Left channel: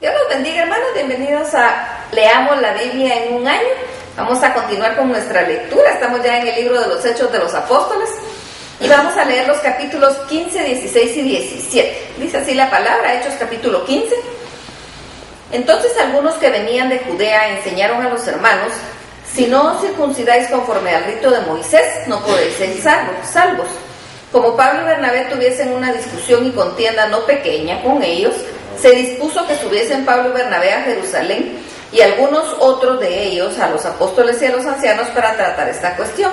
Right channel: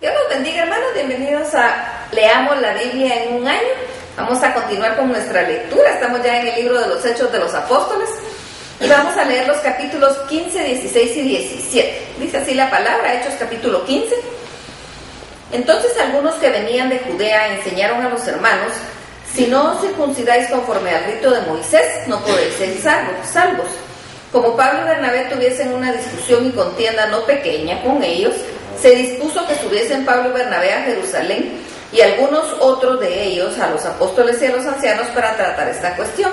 Dios los bendiga, hermanos. Bienvenidos a Leamos la Biblia en un año. Vamos a continuar con nuestra lectura. Estamos ya en el libro de los Hechos de los Apóstoles y vamos a leer los capítulos 15, 16 y 17. Dice así la palabra, Hechos capítulo 15. Entonces algunos que venían de Judea enseñaron a los hermanos: si no os circuncidáis conforme al rito de Moisés, no podéis ser salvos. Como Pablo y Bernabé tuviesen una discusión y contienda no pequeña con ellos, se dispuso que subiesen Pablo y Bernabé a Jerusalén y algunos otros de ellos a los apóstoles y a los ancianos para tratar esta cuestión.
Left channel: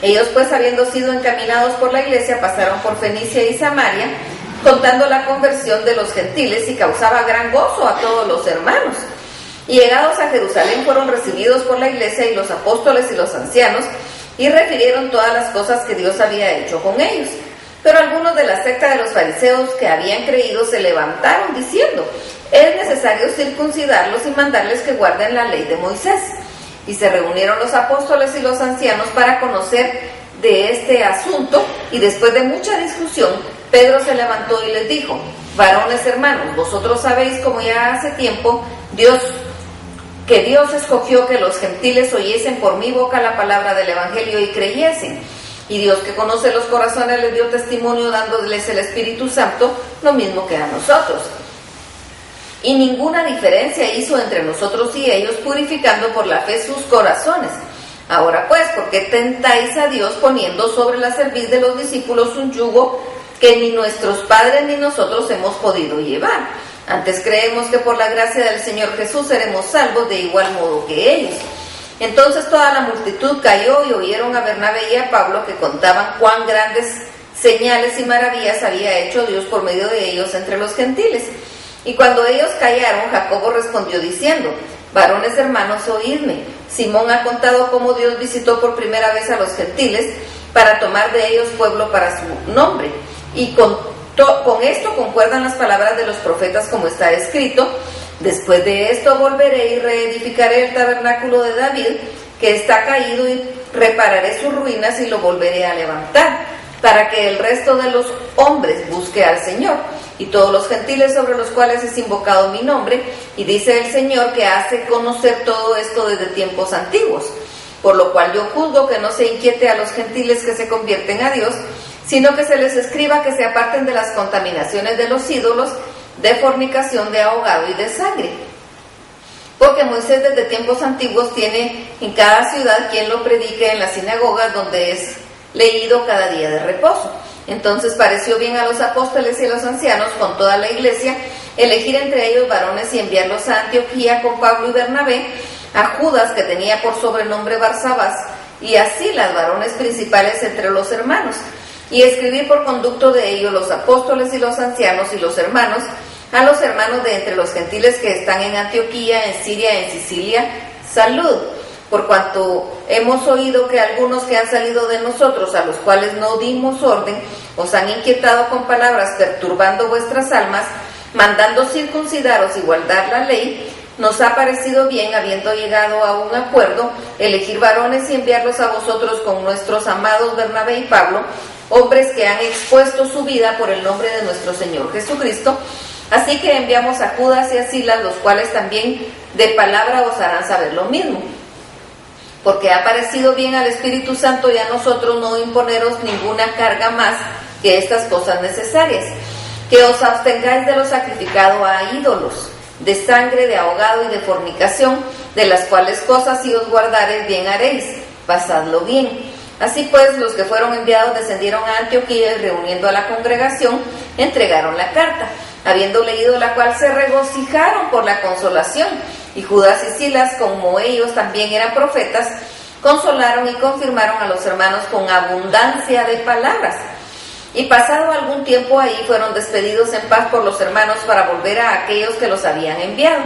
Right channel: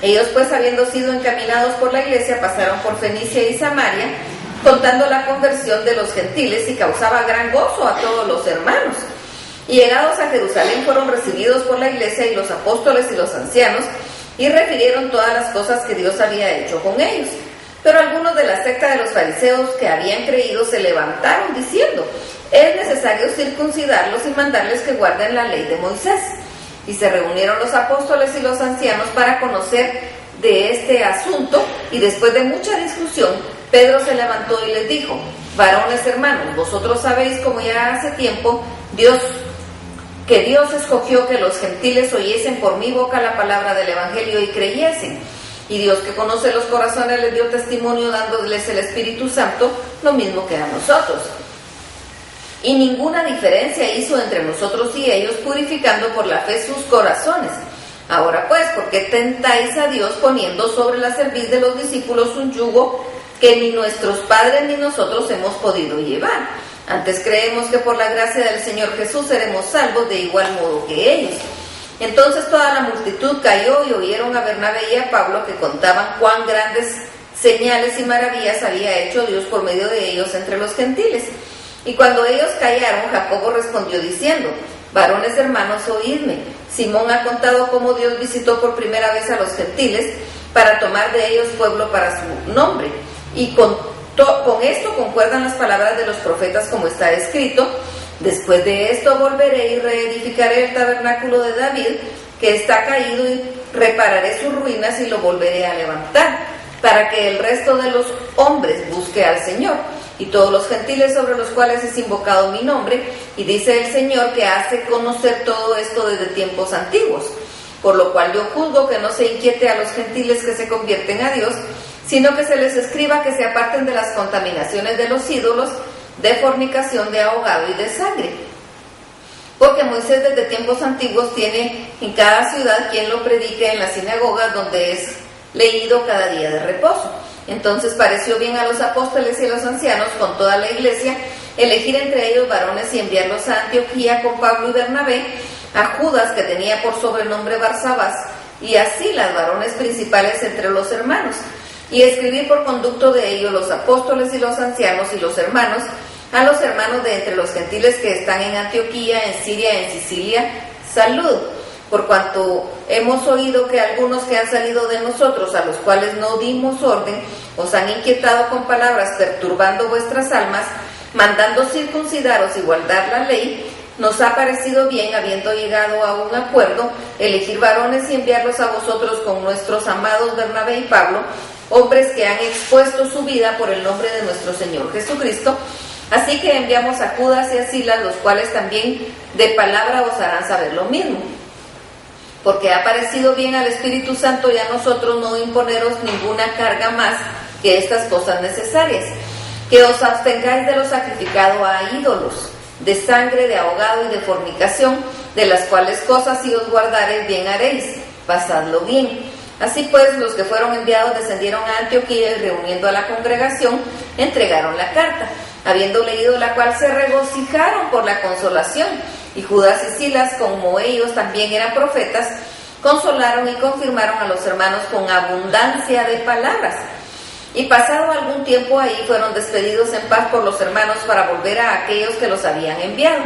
Ellos pues, habiendo sido encaminados por la iglesia, pasaron por Fenicia y Samaria, contando la conversión de los gentiles, y causaba gran gozo a todos los hermanos. Y llegados a Jerusalén fueron recibidos por la iglesia y los apóstoles y los ancianos, y refirieron todas las cosas que Dios había hecho con ellos. Pero algunos de la secta de los fariseos que habían creído se levantaron diciendo: es necesario circuncidarlos y mandarles que guarden la ley de Moisés. Y se reunieron los apóstoles y los ancianos para conocer de este asunto, y después de mucha discusión, Pedro se levantó y les dijo: varones hermanos, vosotros sabéis como ya hace tiempo Dios escogió que los gentiles oyesen por mi boca la palabra del evangelio y creyesen. Y Dios, que conoce los corazones, les dio testimonio dándoles el Espíritu Santo, lo mismo que a nosotros. Y ninguna diferencia hizo entre nosotros y ellos, purificando por la fe sus corazones. Ahora pues, ¿por qué tentáis a Dios poniendo sobre la cerviz de los discípulos un yugo que ni nuestros padres ni nosotros hemos podido llevar? Antes creemos que por la gracia del Señor Jesús seremos salvos de igual modo que ellos. Entonces toda la multitud cayó y oyeron a Bernabé y a Pablo, que contaban cuán grandes señales y maravillas había hecho Dios por medio de ellos entre los gentiles. Y cuando ellos callaron, Jacobo respondió diciendo: varones hermanos, oídme. Simón ha contado cómo Dios visitó por primera vez a los gentiles para tomar de ellos pueblo para su nombre. Y con esto concuerdan las palabras de los profetas, como está escrito: después de esto volveré y reedificaré el tabernáculo de David, que está caído, y repararé sus ruinas y lo volveré a levantar, para que el resto de los hombres busque al Señor, y todos los gentiles sobre los cuales es invocado mi nombre. Y dice el Señor que hace conocer todo esto desde tiempos antiguos. Por lo cual yo juzgo que no se inquiete a los gentiles que se convierten a Dios, sino que se les escriba que se aparten de las contaminaciones de los ídolos, de fornicación, de ahogado y de sangre. Porque Moisés desde tiempos antiguos tiene en cada ciudad quien lo predique en las sinagogas, donde es leído cada día de reposo. Entonces pareció bien a los apóstoles y a los ancianos con toda la iglesia elegir entre ellos varones y enviarlos a Antioquía con Pablo y Bernabé, a Judas, que tenía por sobrenombre Barsabás, y a Silas, varones principales entre los hermanos, y escribir por conducto de ellos los apóstoles y los ancianos y los hermanos, a los hermanos de entre los gentiles que están en Antioquía, en Siria, en Sicilia, salud. Por cuanto hemos oído que algunos que han salido de nosotros, a los cuales no dimos orden, os han inquietado con palabras, perturbando vuestras almas, mandando circuncidaros y guardar la ley, nos ha parecido bien, habiendo llegado a un acuerdo, elegir varones y enviarlos a vosotros con nuestros amados Bernabé y Pablo, hombres que han expuesto su vida por el nombre de nuestro Señor Jesucristo. Así que enviamos a Judas y a Silas, los cuales también de palabra os harán saber lo mismo. Porque ha parecido bien al Espíritu Santo y a nosotros no imponeros ninguna carga más que estas cosas necesarias: que os abstengáis de lo sacrificado a ídolos, de sangre, de ahogado y de fornicación, de las cuales cosas si os guardareis bien haréis, pasadlo bien. Así pues, los que fueron enviados descendieron a Antioquía, y reuniendo a la congregación, entregaron la carta, habiendo leído la cual se regocijaron por la consolación. Y Judas y Silas, como ellos también eran profetas, consolaron y confirmaron a los hermanos con abundancia de palabras. Y pasado algún tiempo ahí, fueron despedidos en paz por los hermanos para volver a aquellos que los habían enviado.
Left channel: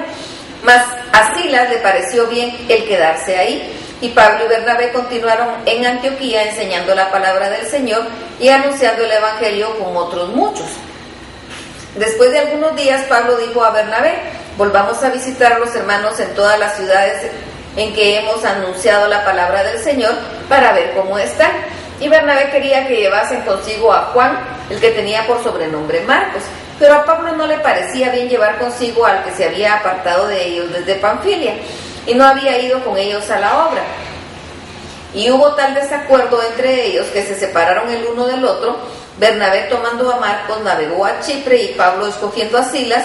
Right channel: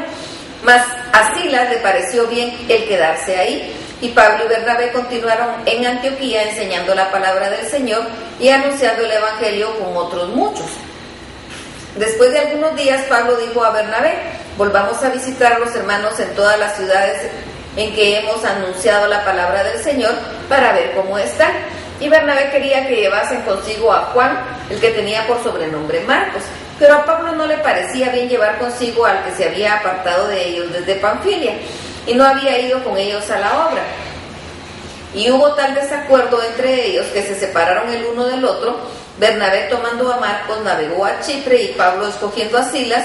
Mas a Silas le pareció bien el quedarse ahí, y Pablo y Bernabé continuaron en Antioquía enseñando la palabra del Señor y anunciando el evangelio con otros muchos. Después de algunos días, Pablo dijo a Bernabé: volvamos a visitar a los hermanos en todas las ciudades en que hemos anunciado la palabra del Señor, para ver cómo están. Y Bernabé quería que llevasen consigo a Juan, el que tenía por sobrenombre Marcos. Pero a Pablo no le parecía bien llevar consigo al que se había apartado de ellos desde Panfilia, y no había ido con ellos a la obra. Y hubo tal desacuerdo entre ellos que se separaron el uno del otro. Bernabé, tomando a Marcos, navegó a Chipre, y Pablo, escogiendo a Silas,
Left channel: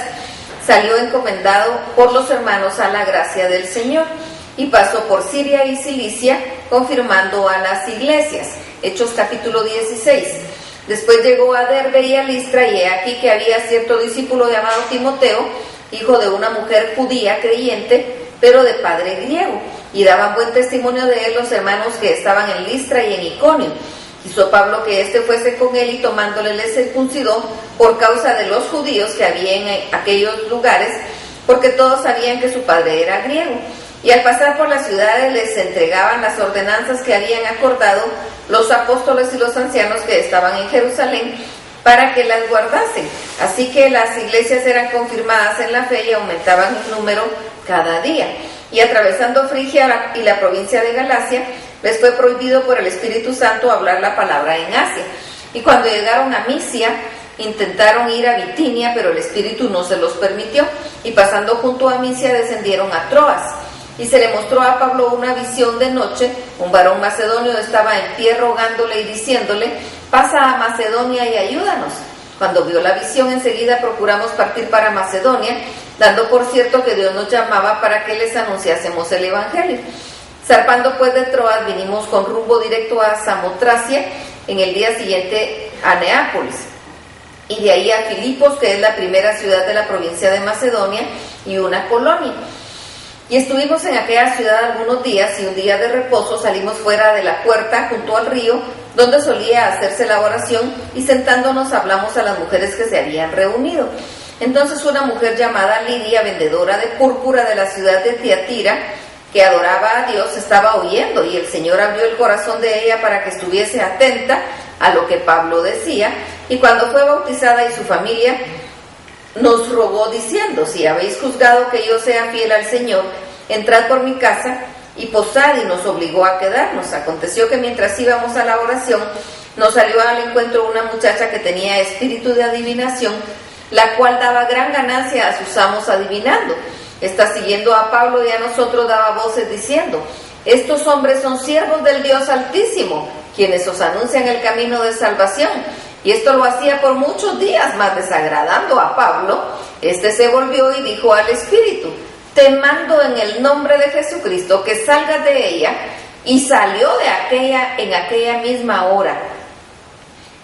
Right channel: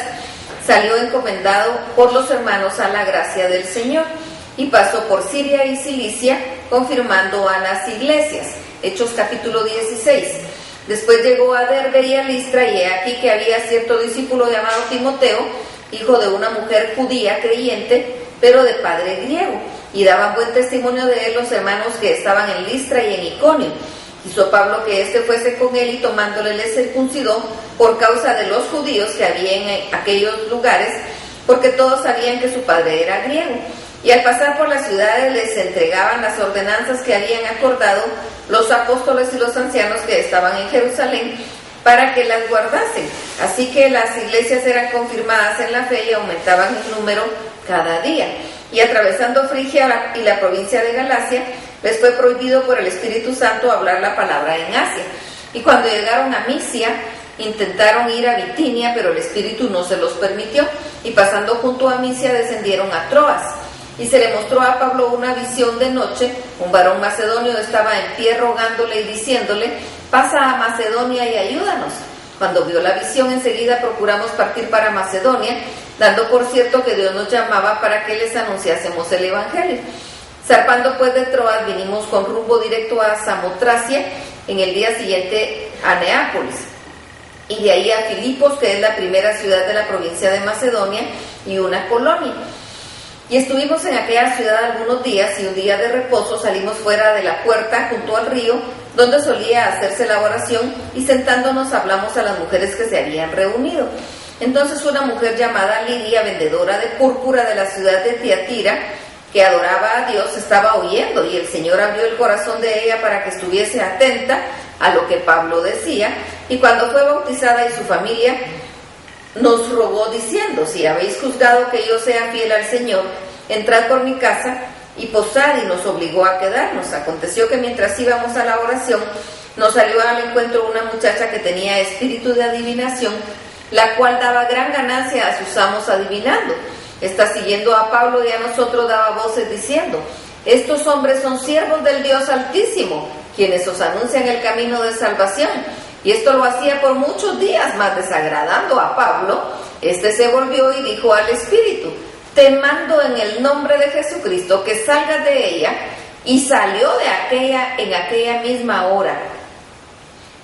salió encomendado por los hermanos a la gracia del Señor, y pasó por Siria y Cilicia, confirmando a las iglesias. Hechos capítulo 16. Después llegó a Derbe y a Listra, y he aquí que había cierto discípulo llamado Timoteo, hijo de una mujer judía creyente, pero de padre griego, y daban buen testimonio de él los hermanos que estaban en Listra y en Iconio. Quiso Pablo que éste fuese con él, y tomándole le circuncidó por causa de los judíos que había en aquellos lugares, porque todos sabían que su padre era griego. Y al pasar por las ciudades les entregaban las ordenanzas que habían acordado los apóstoles y los ancianos que estaban en Jerusalén, para que las guardasen. Así que las iglesias eran confirmadas en la fe y aumentaban en número cada día. Y atravesando Frigia y la provincia de Galacia, les fue prohibido por el Espíritu Santo hablar la palabra en Asia. Y cuando llegaron a Misia, intentaron ir a Bitinia, pero el Espíritu no se los permitió. Y pasando junto a Misia, descendieron a Troas. Y se le mostró a Pablo una visión de noche. Un varón macedonio estaba en pie rogándole y diciéndole: pasa a Macedonia y ayúdanos. Cuando vio la visión, enseguida procuramos partir para Macedonia, dando por cierto que Dios nos llamaba para que les anunciásemos el Evangelio. Zarpando pues de Troas, vinimos con rumbo directo a Samotracia, en el día siguiente a Neápolis, y de ahí a Filipos, que es la primera ciudad de la provincia de Macedonia y una colonia. Y estuvimos en aquella ciudad algunos días, y un día de reposo salimos fuera de la puerta junto al río, donde solía hacerse la oración, y sentándonos hablamos a las mujeres que se habían reunido. Entonces una mujer llamada Lidia, vendedora de púrpura de la ciudad de Tiatira, que adoraba a Dios, estaba oyendo, y el Señor abrió el corazón de ella para que estuviese atenta a lo que Pablo decía, y cuando fue bautizada y su familia, nos rogó diciendo: si habéis juzgado que yo sea fiel al Señor, entrad por mi casa y posad, y nos obligó a quedarnos. Aconteció que mientras íbamos a la oración, nos salió al encuentro una muchacha que tenía espíritu de adivinación, la cual daba gran ganancia a sus amos adivinando. Esta, siguiendo a Pablo y a nosotros, daba voces diciendo: estos hombres son siervos del Dios Altísimo, quienes os anuncian el camino de salvación. Y esto lo hacía por muchos días, mas desagradando a Pablo, este se volvió y dijo al espíritu: te mando en el nombre de Jesucristo que salgas de ella. Y salió en aquella misma hora.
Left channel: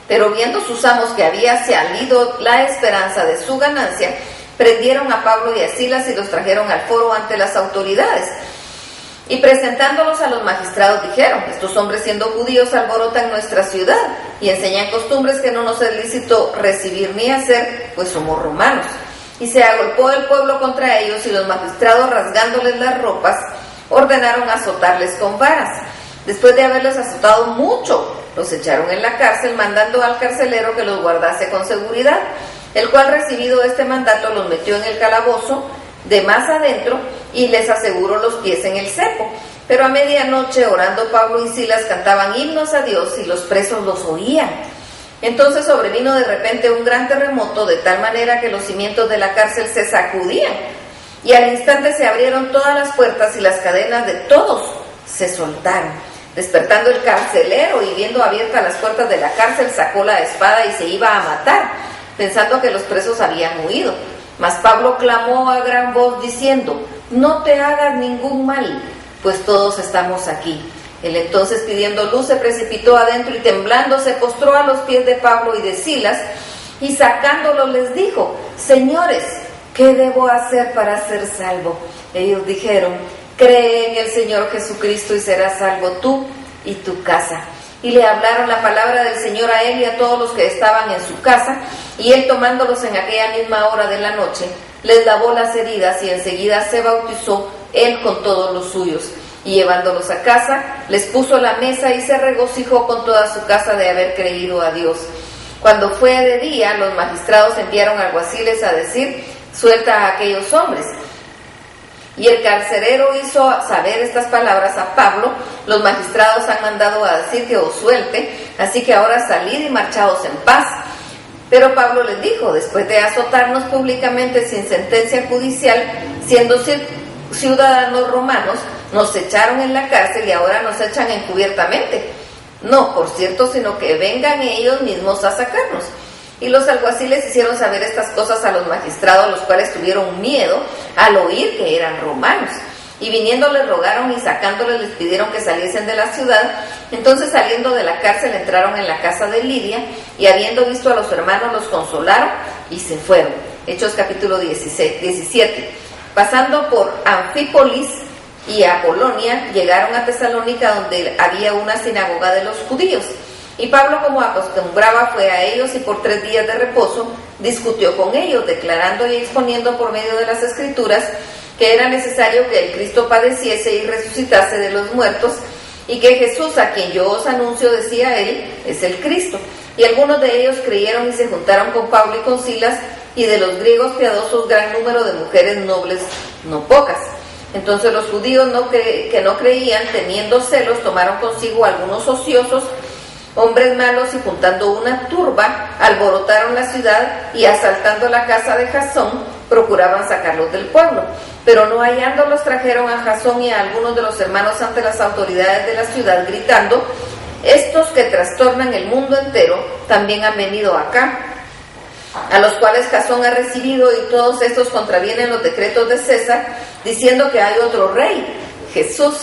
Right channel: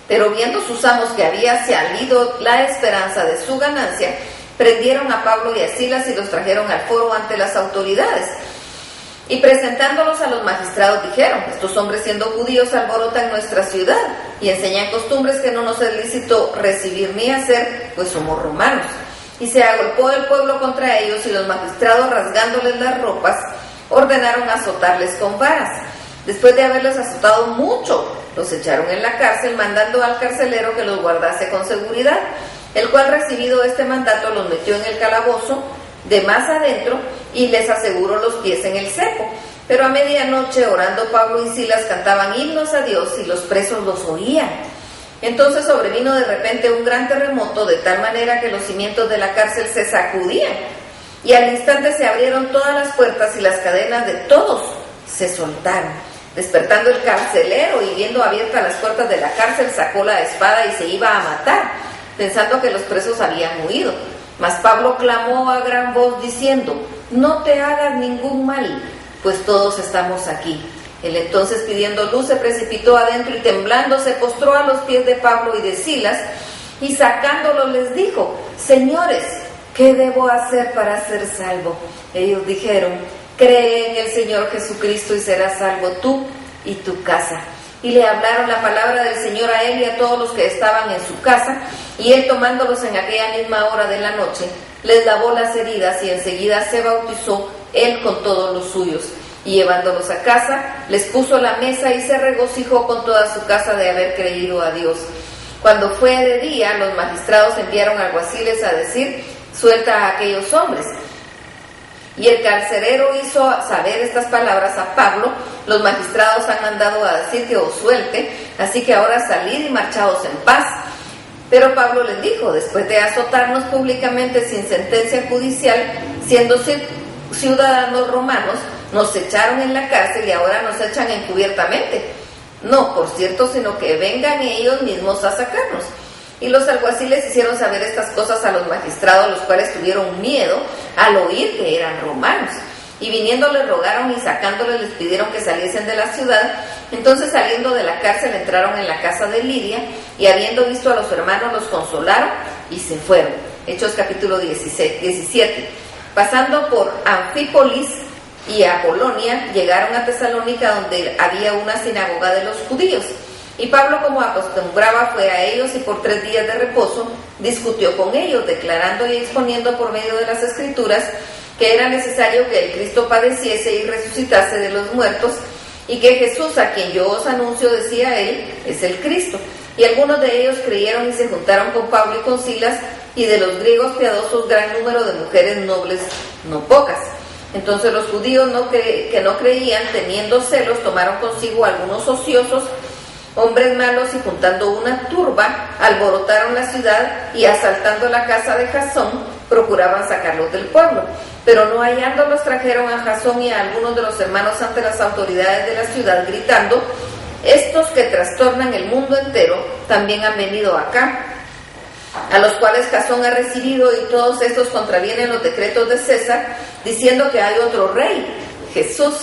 Pero viendo sus amos que había salido la esperanza de su ganancia, prendieron a Pablo y a Silas y los trajeron al foro ante las autoridades. Y presentándolos a los magistrados dijeron: estos hombres, siendo judíos, alborotan nuestra ciudad y enseñan costumbres que no nos es lícito recibir ni hacer, pues somos romanos. Y se agolpó el pueblo contra ellos, y los magistrados, rasgándoles las ropas, ordenaron azotarles con varas. Después de haberlos azotado mucho, los echaron en la cárcel, mandando al carcelero que los guardase con seguridad, el cual, recibido este mandato, los metió en el calabozo de más adentro y les aseguró los pies en el cepo. Pero a medianoche, orando, Pablo y Silas cantaban himnos a Dios, y los presos los oían. Entonces sobrevino de repente un gran terremoto, de tal manera que los cimientos de la cárcel se sacudían, y al instante se abrieron todas las puertas, y las cadenas de todos se soltaron. Despertando el carcelero y viendo abiertas las puertas de la cárcel, sacó la espada y se iba a matar, pensando que los presos habían huido. Mas Pablo clamó a gran voz diciendo: no te hagas ningún mal, pues todos estamos aquí. Él entonces, pidiendo luz, se precipitó adentro, y temblando se postró a los pies de Pablo y de Silas, y sacándolos les dijo: señores, ¿qué debo hacer para ser salvo? Ellos dijeron: cree en el Señor Jesucristo y serás salvo tú y tu casa. Y le hablaron la palabra del Señor a él y a todos los que estaban en su casa, y él, tomándolos en aquella misma hora de la noche, les lavó las heridas, y enseguida se bautizó él con todos los suyos. Y llevándolos a casa, les puso la mesa, y se regocijó con toda su casa de haber creído a Dios. Cuando fue de día, los magistrados enviaron alguaciles a decir: suelta a aquellos hombres. Y el carcelero hizo saber estas palabras a Pablo: los magistrados han mandado a decir que os suelte, así que ahora salid y marchaos en paz. Pero Pablo les dijo: después de azotarnos públicamente sin sentencia judicial, siendo ciudadanos romanos, nos echaron en la cárcel y ahora nos echan encubiertamente. No, por cierto, sino que vengan ellos mismos a sacarnos. Y los alguaciles hicieron saber estas cosas a los magistrados, los cuales tuvieron miedo al oír que eran romanos. Y viniendo les rogaron y sacándoles les pidieron que saliesen de la ciudad. Entonces, saliendo de la cárcel, entraron en la casa de Lidia, y habiendo visto a los hermanos los consolaron y se fueron. Hechos capítulo 17. Pasando por Anfípolis y Apolonia, llegaron a Tesalónica, donde había una sinagoga de los judíos. Y Pablo, como acostumbraba, fue a ellos y por 3 días de reposo discutió con ellos, declarando y exponiendo por medio de las Escrituras que era necesario que el Cristo padeciese y resucitase de los muertos, y que Jesús, a quien yo os anuncio, decía él, es el Cristo. Y algunos de ellos creyeron y se juntaron con Pablo y con Silas, y de los griegos piadosos gran número de mujeres nobles, no pocas. Entonces los judíos que no creían, teniendo celos, tomaron consigo algunos ociosos, hombres malos, y juntando una turba, alborotaron la ciudad, y asaltando la casa de Jasón, procuraban sacarlos del pueblo. Pero no hallándolos, trajeron a Jasón y a algunos de los hermanos ante las autoridades de la ciudad, gritando: estos que trastornan el mundo entero también han venido acá, a los cuales Jasón ha recibido, y todos estos contravienen los decretos de César, diciendo que hay otro rey, Jesús.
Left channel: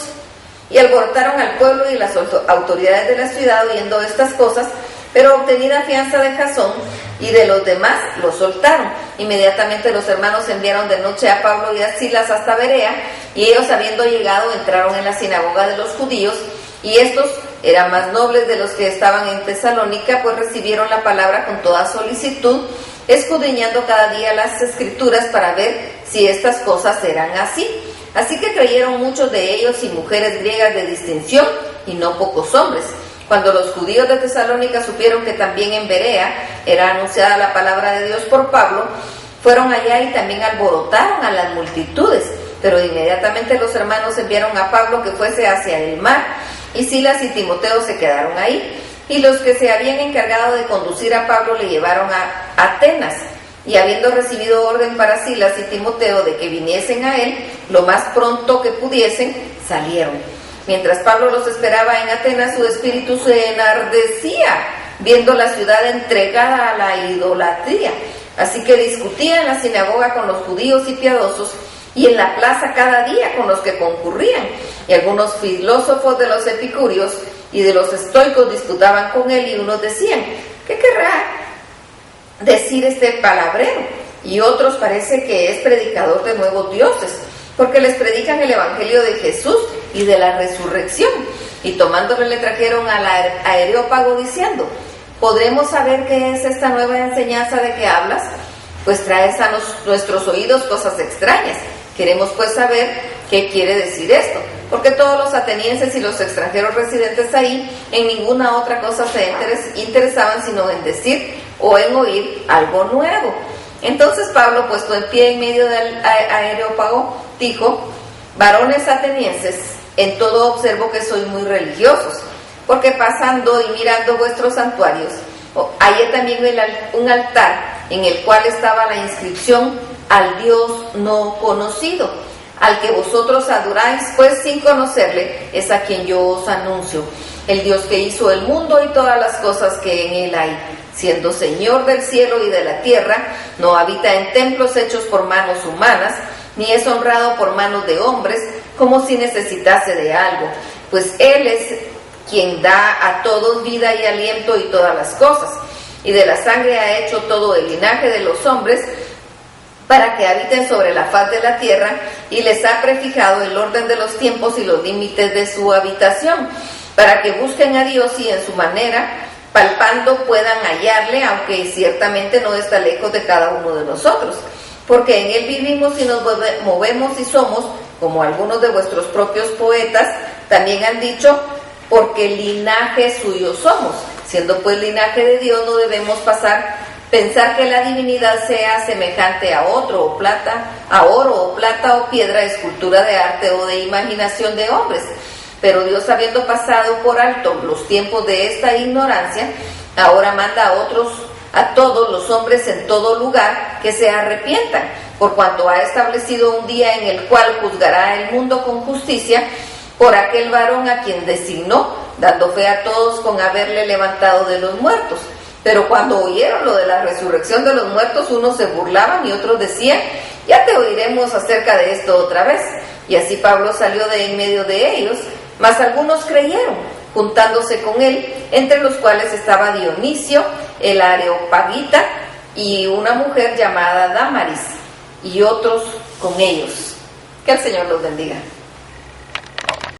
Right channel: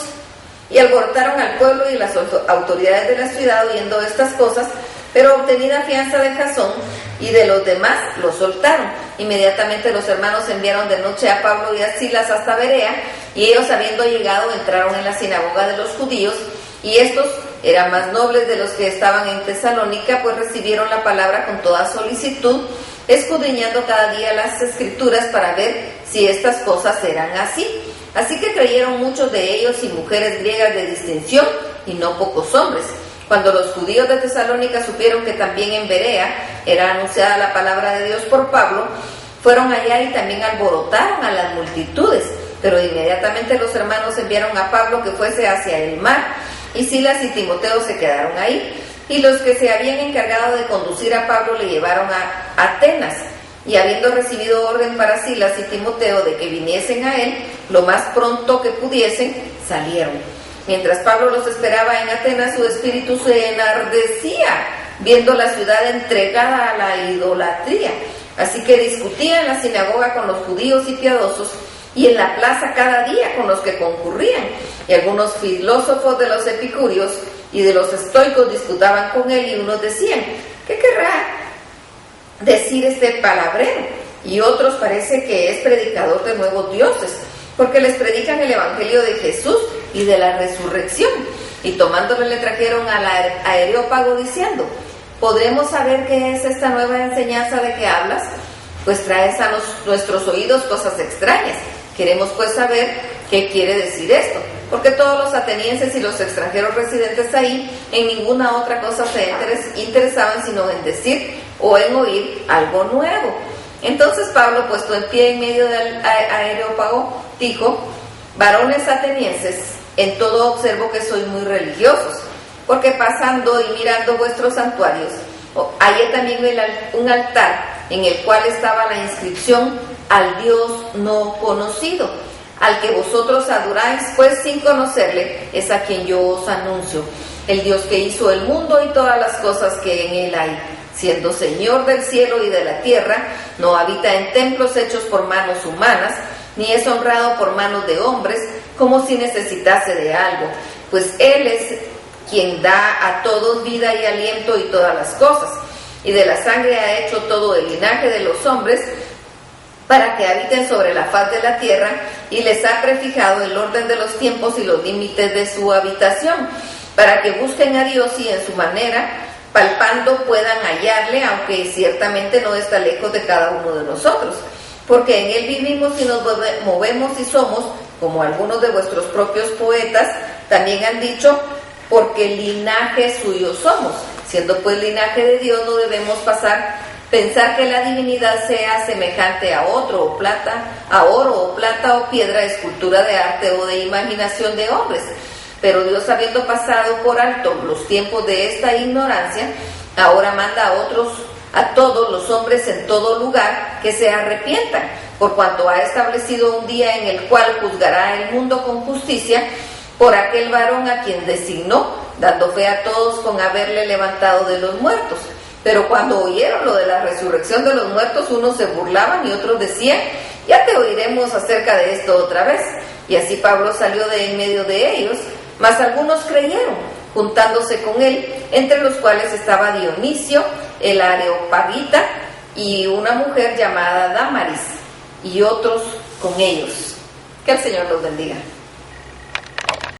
Y alborotaron al pueblo y las autoridades de la ciudad oyendo estas cosas, pero obtenida fianza de Jasón y de los demás, los soltaron. Inmediatamente los hermanos enviaron de noche a Pablo y a Silas hasta Berea, y ellos, habiendo llegado, entraron en la sinagoga de los judíos, y estos eran más nobles de los que estaban en Tesalónica, pues recibieron la palabra con toda solicitud, escudriñando cada día las Escrituras para ver si estas cosas eran así. Así que creyeron muchos de ellos y mujeres griegas de distinción, y no pocos hombres. Cuando los judíos de Tesalónica supieron que también en Berea era anunciada la palabra de Dios por Pablo, fueron allá y también alborotaron a las multitudes. Pero inmediatamente los hermanos enviaron a Pablo que fuese hacia el mar, y Silas y Timoteo se quedaron ahí. Y los que se habían encargado de conducir a Pablo le llevaron a Atenas. Y habiendo recibido orden para Silas y Timoteo de que viniesen a él, lo más pronto que pudiesen, salieron. Mientras Pablo los esperaba en Atenas, su espíritu se enardecía, viendo la ciudad entregada a la idolatría. Así que discutía en la sinagoga con los judíos y piadosos, y en la plaza cada día con los que concurrían. Y algunos filósofos de los epicúreos y de los estoicos disputaban con él, y unos decían: ¿qué querrá decir este palabrero? Y otros parece que es predicador de nuevos dioses, porque les predican el evangelio de Jesús y de la resurrección. Y tomándole le trajeron al Areópago diciendo: ¿podremos saber qué es esta nueva enseñanza de que hablas? Pues traes a nuestros oídos cosas extrañas. Queremos pues saber qué quiere decir esto, porque todos los atenienses y los extranjeros residentes ahí en ninguna otra cosa se interesaban sino en decir o en oír algo nuevo. Entonces Pablo, puesto en pie en medio del Areópago, dijo: varones atenienses, en todo observo que sois muy religiosos, porque pasando y mirando vuestros santuarios, hallé también un altar en el cual estaba la inscripción: al Dios no conocido, al que vosotros adoráis, pues sin conocerle, es a quien yo os anuncio, el Dios que hizo el mundo y todas las cosas que en él hay, siendo Señor del cielo y de la tierra, no habita en templos hechos por manos humanas, ni es honrado por manos de hombres, como si necesitase de algo, pues Él es quien da a todos vida y aliento y todas las cosas, y de la sangre ha hecho todo el linaje de los hombres, para que habiten sobre la faz de la tierra, y les ha prefijado el orden de los tiempos y los límites de su habitación, para que busquen a Dios y en su manera, palpando, puedan hallarle, aunque ciertamente no está lejos de cada uno de nosotros, porque en él vivimos y nos movemos y somos, como algunos de vuestros propios poetas también han dicho, porque linaje suyo somos. Siendo pues linaje de Dios, no debemos pensar que la divinidad sea semejante a oro o plata o piedra, escultura de arte o de imaginación de hombres. Pero Dios, habiendo pasado por alto los tiempos de esta ignorancia, ahora manda a otros a todos los hombres en todo lugar que se arrepientan, por cuanto ha establecido un día en el cual juzgará el mundo con justicia por aquel varón a quien designó, dando fe a todos con haberle levantado de los muertos. Pero cuando oyeron lo de la resurrección de los muertos, unos se burlaban y otros decían: ya te oiremos acerca de esto otra vez. Y así Pablo salió de en medio de ellos, mas algunos creyeron, juntándose con él, entre los cuales estaba Dionisio, el Areopagita, y una mujer llamada Dámaris, y otros con ellos. Que el Señor los bendiga.